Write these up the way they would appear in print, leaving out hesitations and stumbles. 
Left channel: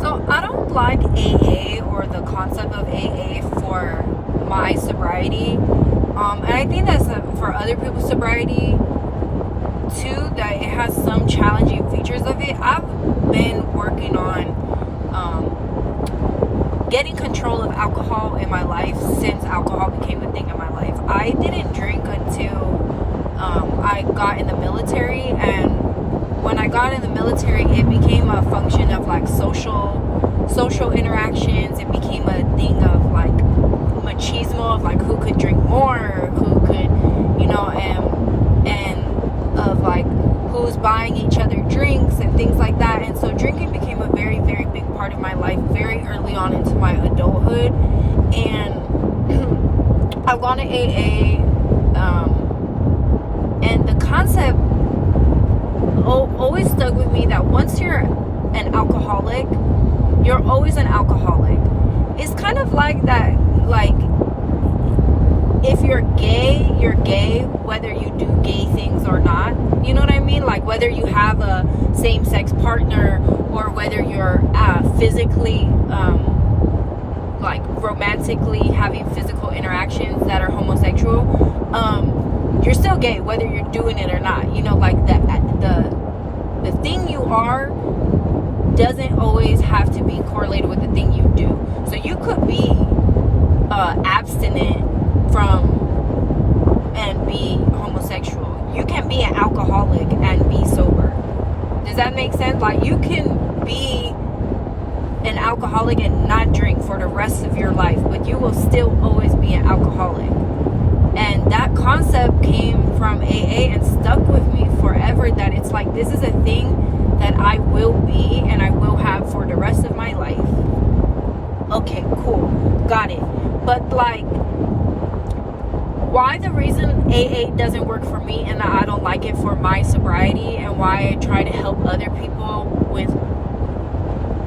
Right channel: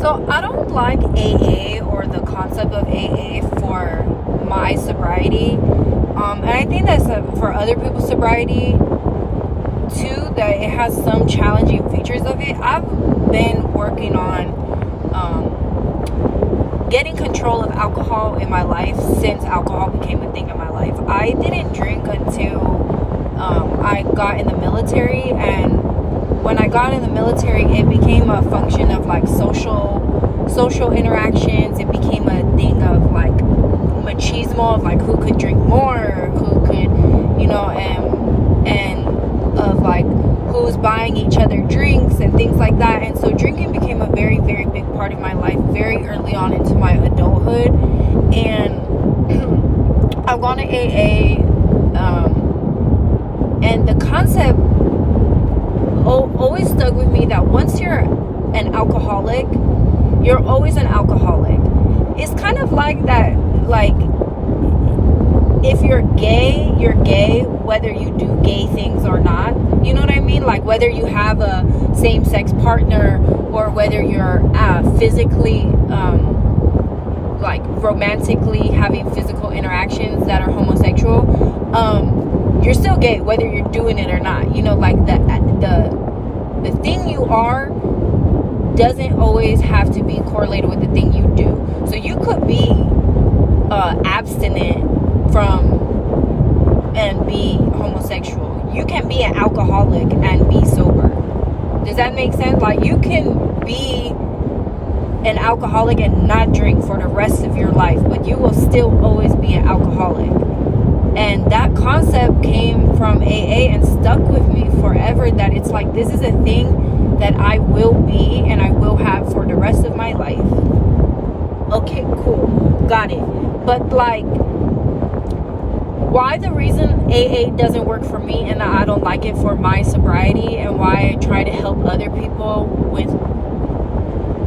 So I don't like AA or the concept of AA for my sobriety. And I think that's for other people's sobriety too, that it has some challenging features of it. I've been working on getting control of alcohol in my life since alcohol became a thing in my life. I didn't drink until I got in the military, and when I got in the military, it became a function of like social interactions. It became a thing of like machismo, of like who could drink more, who could, and of like who's buying each other drinks and things like that. And so drinking became a very, very big part of my life very early on into my adulthood. And I've gone to AA, and the concept always stuck with me that once you're an alcoholic, you're always an alcoholic. It's kind of like that, like if you're gay, whether you do gay things or not. You know what I mean? Like whether you have a same-sex partner or whether you're physically, like romantically having physical interactions that are homosexual, you're still gay whether you're doing it or not. Like the thing you are doesn't always have to be correlated with the thing you do. So you could be abstinent from and be homosexual. You can be an alcoholic and be sober. Does that make sense? Like you can be an alcoholic and not drink for the rest of your life, but you will still always be an alcoholic. And that concept came from AA and stuck with me forever, that it's like this is a thing that I will be and I will have for the rest of my life. Okay, cool. Got it. But like, why the reason AA doesn't work for me and I don't like it for my sobriety, and why I try to help other people with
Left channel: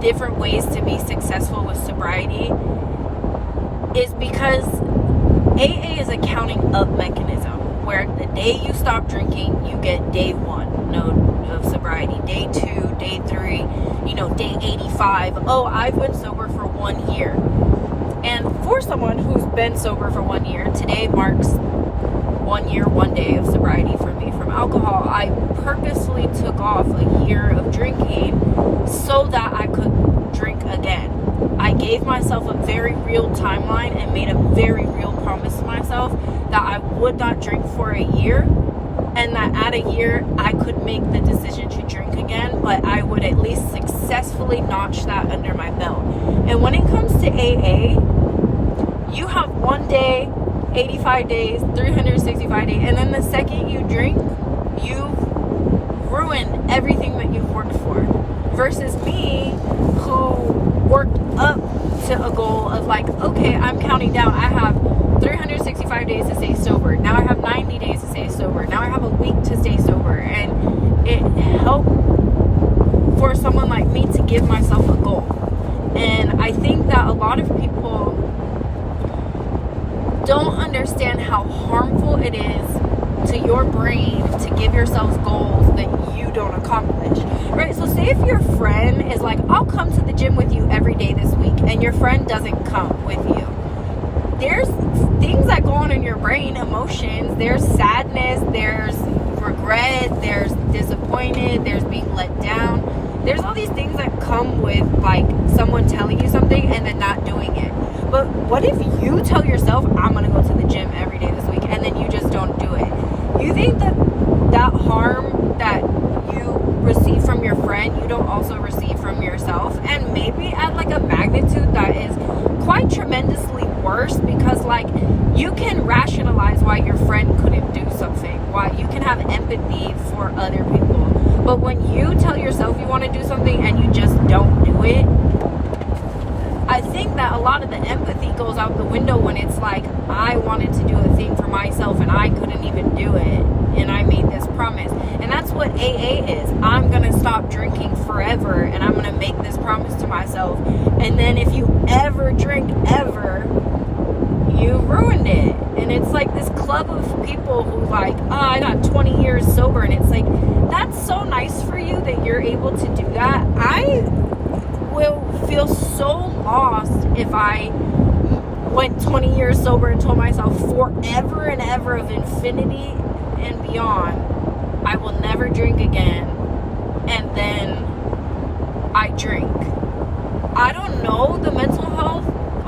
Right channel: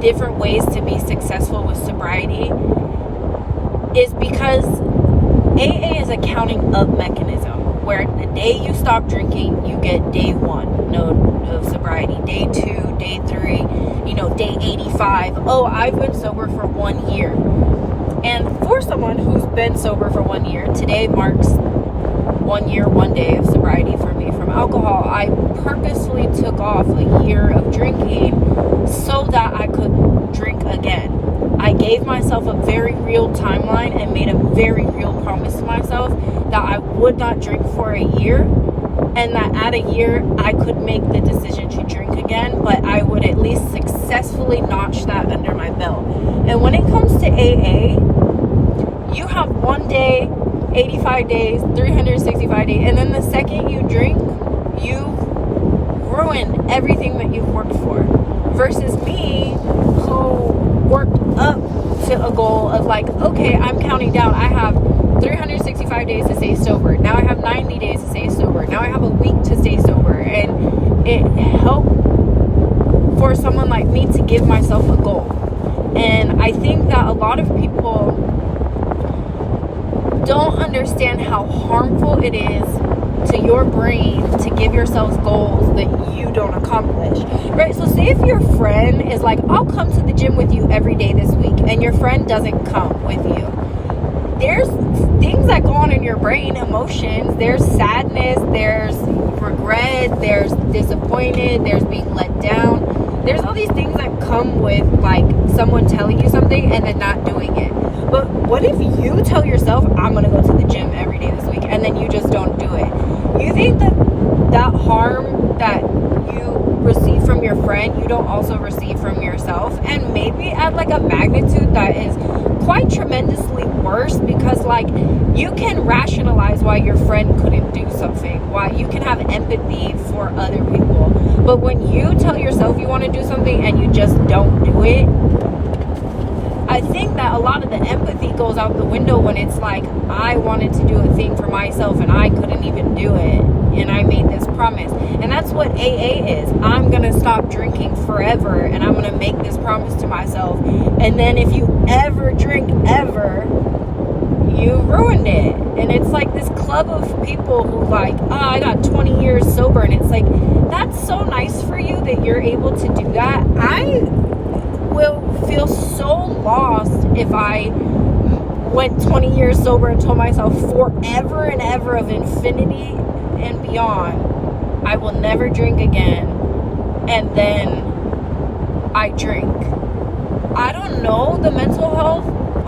different ways to be successful with sobriety, is because AA is a counting up mechanism, where the day you stop drinking, you get day 1 of sobriety, day 2, day 3, day 85. Oh, I've been sober for 1 year. And for someone who's been sober for 1 year, today marks 1 year, 1 day of sobriety for me from alcohol. I purposely took off a year of drinking so that I could drink again. I gave myself a very real timeline and made a very real promise to myself that I would not drink for a year, and that at a year I could make the decision to drink again, but I would at least successfully notch that under my belt. And when it comes to AA, you have 1 day, 85 days, 365 days, and then the second you drink, you've ruined everything that you've worked for. Versus me, who worked up to a goal of like, okay, I'm counting down. I have 365 days to stay sober. Now I have 90 days to stay sober. Now I have a week to stay sober. And it helped for someone like me to give myself a goal. And I think that a lot of people don't understand how harmful it is to your brain to give yourselves goals that you don't accomplish, right? So say if your friend is like, I'll come to the gym with you every day this week, and your friend doesn't come with you. There's things that go on in your brain, emotions. There's sadness, there's regret, there's disappointed, there's being let down. There's all these things that come with like someone telling you something and then not doing it. But what if you tell yourself, I'm gonna go to the gym every day this week, and then you just don't do it? You think that harm that you receive from your friend, you don't also receive from yourself, and maybe at like a magnitude that is quite tremendously worse, because like you can rationalize why your friend couldn't do something, why you can have empathy for other people, but when you tell yourself you want to do something and you just don't do it, I think that a lot of the empathy goes out the window when it's like, I wanted to do a thing for myself and I couldn't even do it, and I made this promise. And that's what AA is. I'm gonna stop drinking forever, and I'm gonna make this promise to myself, and then if you ever drink ever, you ruined it. And it's like this club of people who like, I got 20 years sober, and it's like, that's so nice for you that you're able to do that. I will feel so lost if I went 20 years sober and told myself forever and ever of infinity and beyond, I will never drink again, and then I drink. I don't know the mental health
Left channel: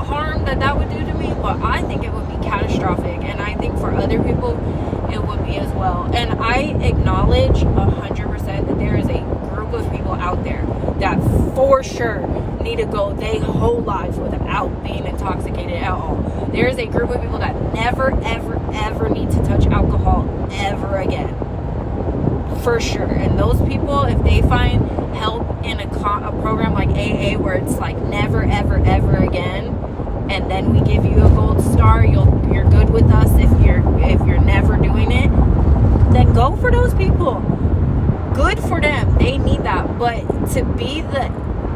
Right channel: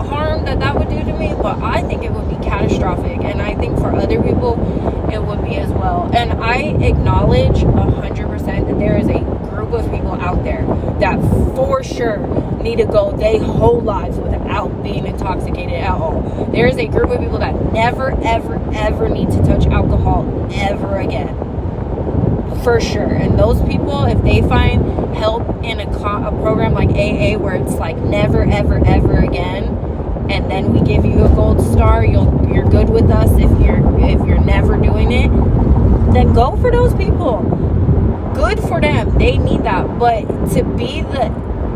harm that would do to me, but I think it would be catastrophic, and I think for other people it would be as well. And I acknowledge 100% that there is a group of people out there that for sure need to go their whole lives without being intoxicated at all. There is a group of people that never ever ever need to touch alcohol ever again, for sure. And those people, if they find help in a program like AA where it's like never ever ever again, and then we give you a gold star, you're good with us if you're never doing it, then go for those people. Good for them, they need that. But to be the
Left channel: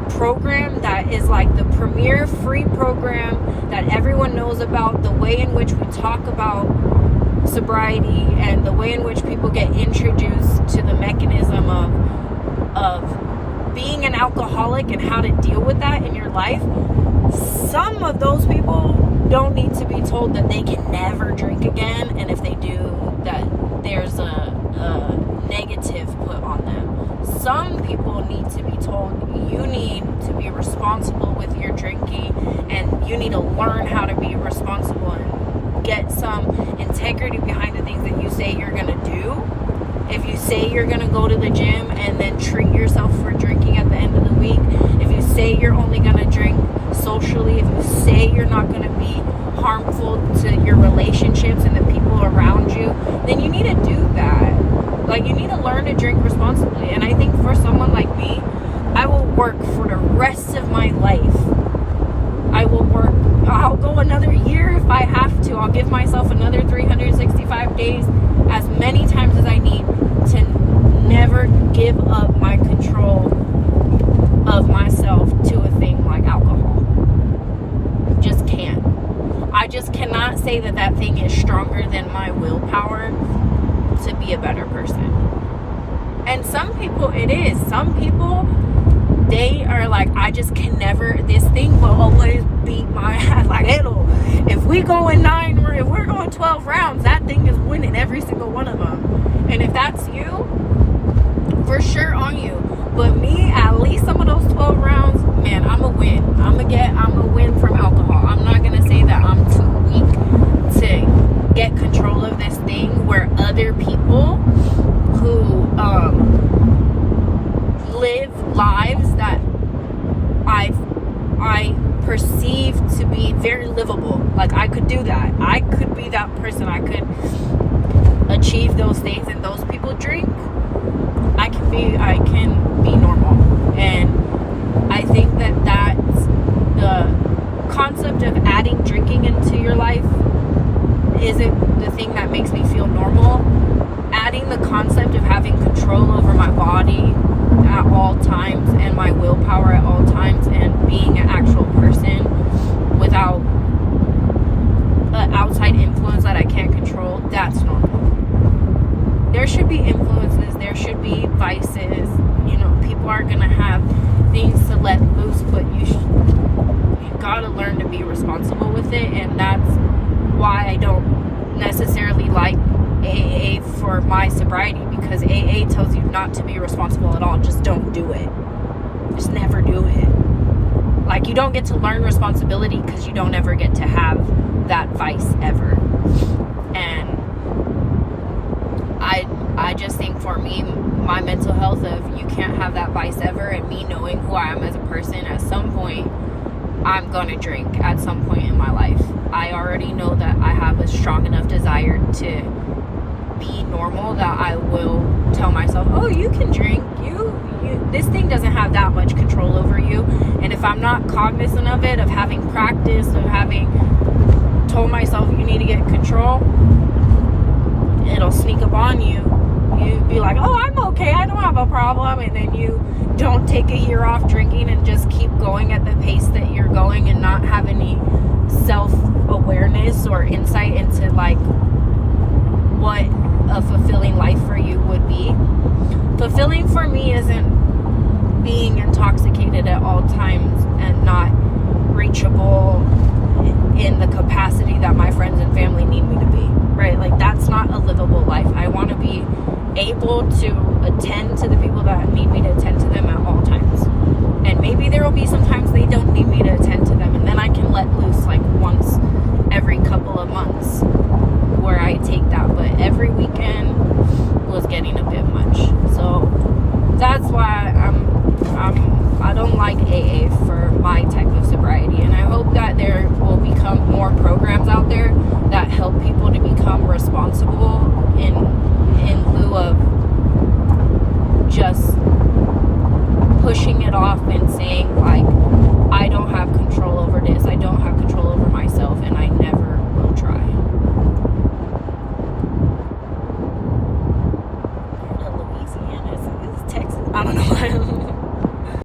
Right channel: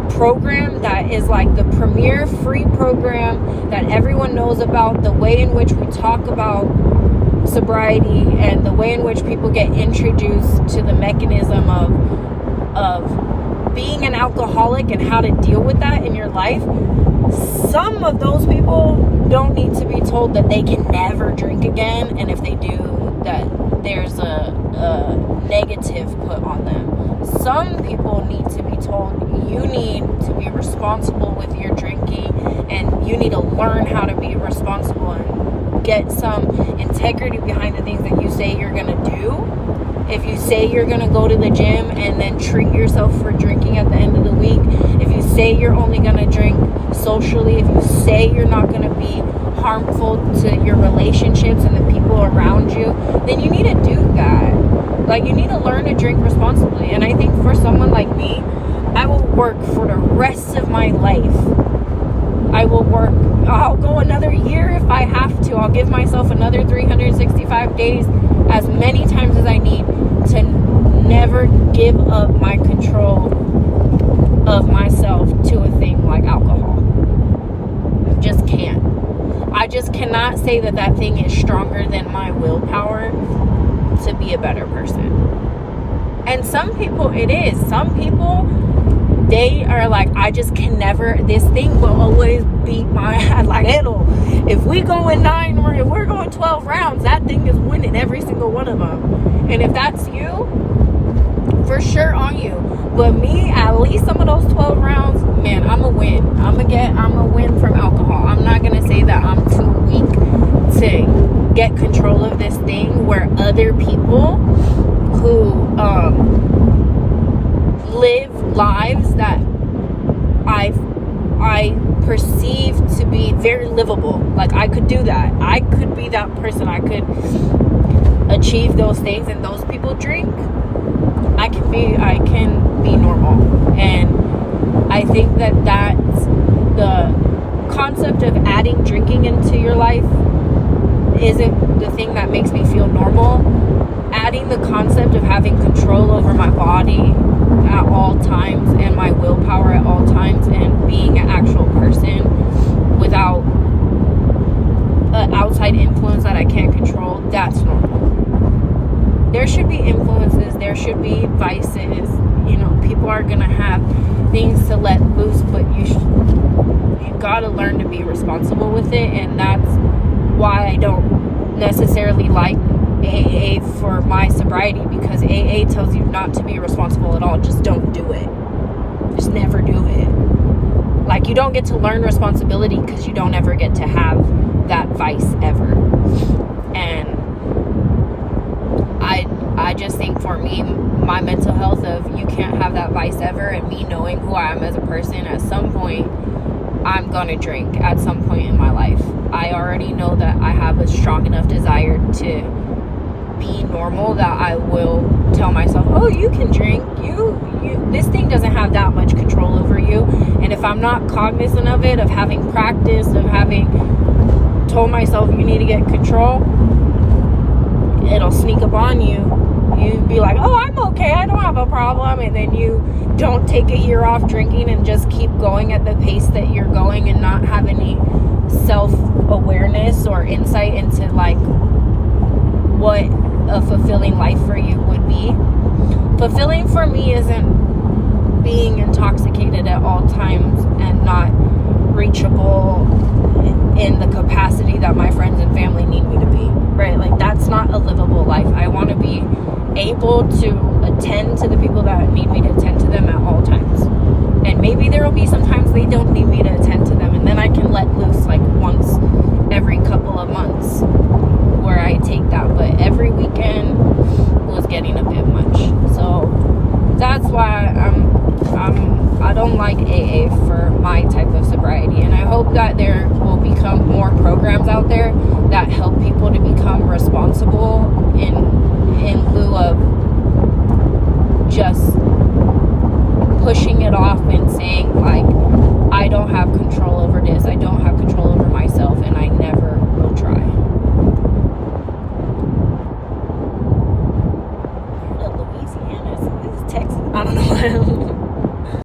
program that is like the premier free program that everyone knows about, the way in which we talk about sobriety and the way in which people get introduced to the mechanism of being an alcoholic and how to deal with that in your life, some of those people don't need to be told that they can never drink again, and if they do, that there's a negative put on them. Some people need to be told you need to be responsible with your drinking, and you need to learn how to be responsible and get some integrity behind the things that you say you're gonna do. If you say you're gonna go to the gym and then treat yourself for drinking at the end of the week, if you say you're only gonna drink socially, if you say you're not gonna be harmful to your relationships and the people around you, then you need to do that. Like, you need to learn to drink responsibly. And I think for someone like me, I will work for the rest of my life. I'll go another year if I have to. I'll give myself another 365 days, as many times as I need, to never give up my control of myself to a thing like alcohol. Just can't. I just cannot say that thing is stronger than my willpower to be a better person. And some people it is. Some people, they are like, I just can never, this thing will always beat my head. Like, if we go in 9 or if we're going 12 rounds, that thing is winning every single one of them. And if that's you, for sure on you. But me, at least some of those 12 rounds, man, I'm a win. I'm a win from alcohol. I'm not gonna say that I'm too weak to get control of this thing, where other people who live lives that I perceive to be very livable. Like, I could do that. I could be that person. I could achieve those things, and those people drink. I can be normal. And I think that's the concept of adding drinking into your life isn't the thing that makes me feel normal. Adding the concept of having control over my body at all times and my willpower at all times and being an actual person without an outside influence that I can't control, that's normal. There should be influences, there should be vices, people are gonna have things to let loose, but you gotta learn to be responsible with it. And that's why I don't necessarily like AA for my sobriety, because AA tells you not to be responsible at all. Just don't do it. Just never do it. Like, you don't get to learn responsibility because you don't ever get to have that vice ever. And I just think for me, my mental health of you can't have that vice ever, and me knowing who I am as a person, at some point I'm gonna drink at some point in my life. I already know that I have a strong enough desire to be normal that I will tell myself, oh, you can drink, this thing doesn't have that much control over you. And if I'm not cognizant of it, of having practiced, of having told myself you need to get control, it'll sneak up on you. You'd be like, oh, I'm okay, I don't have a problem, and then you don't take a year off drinking and just keep going at the pace that you're going and not have any self-awareness or insight into like what a fulfilling life for you would be. Fulfilling for me isn't being intoxicated at all times and not reachable in the capacity that my friends and family need me to be, right? Like, that's not a livable life. I want to be able to attend to the people that need me to attend to them at all times. And maybe there will be some times they don't need me to attend to them, and then I can let loose like once every couple of months where I take that. But every weekend was getting a bit much. So that's why I don't like AA for my type of sobriety, and I hope that there will become more programs out there that help people to become responsible in lieu of just pushing it off and saying like, I don't have control over this, I don't have control over myself, and I never will try. Louisiana, is this Texas? I don't know.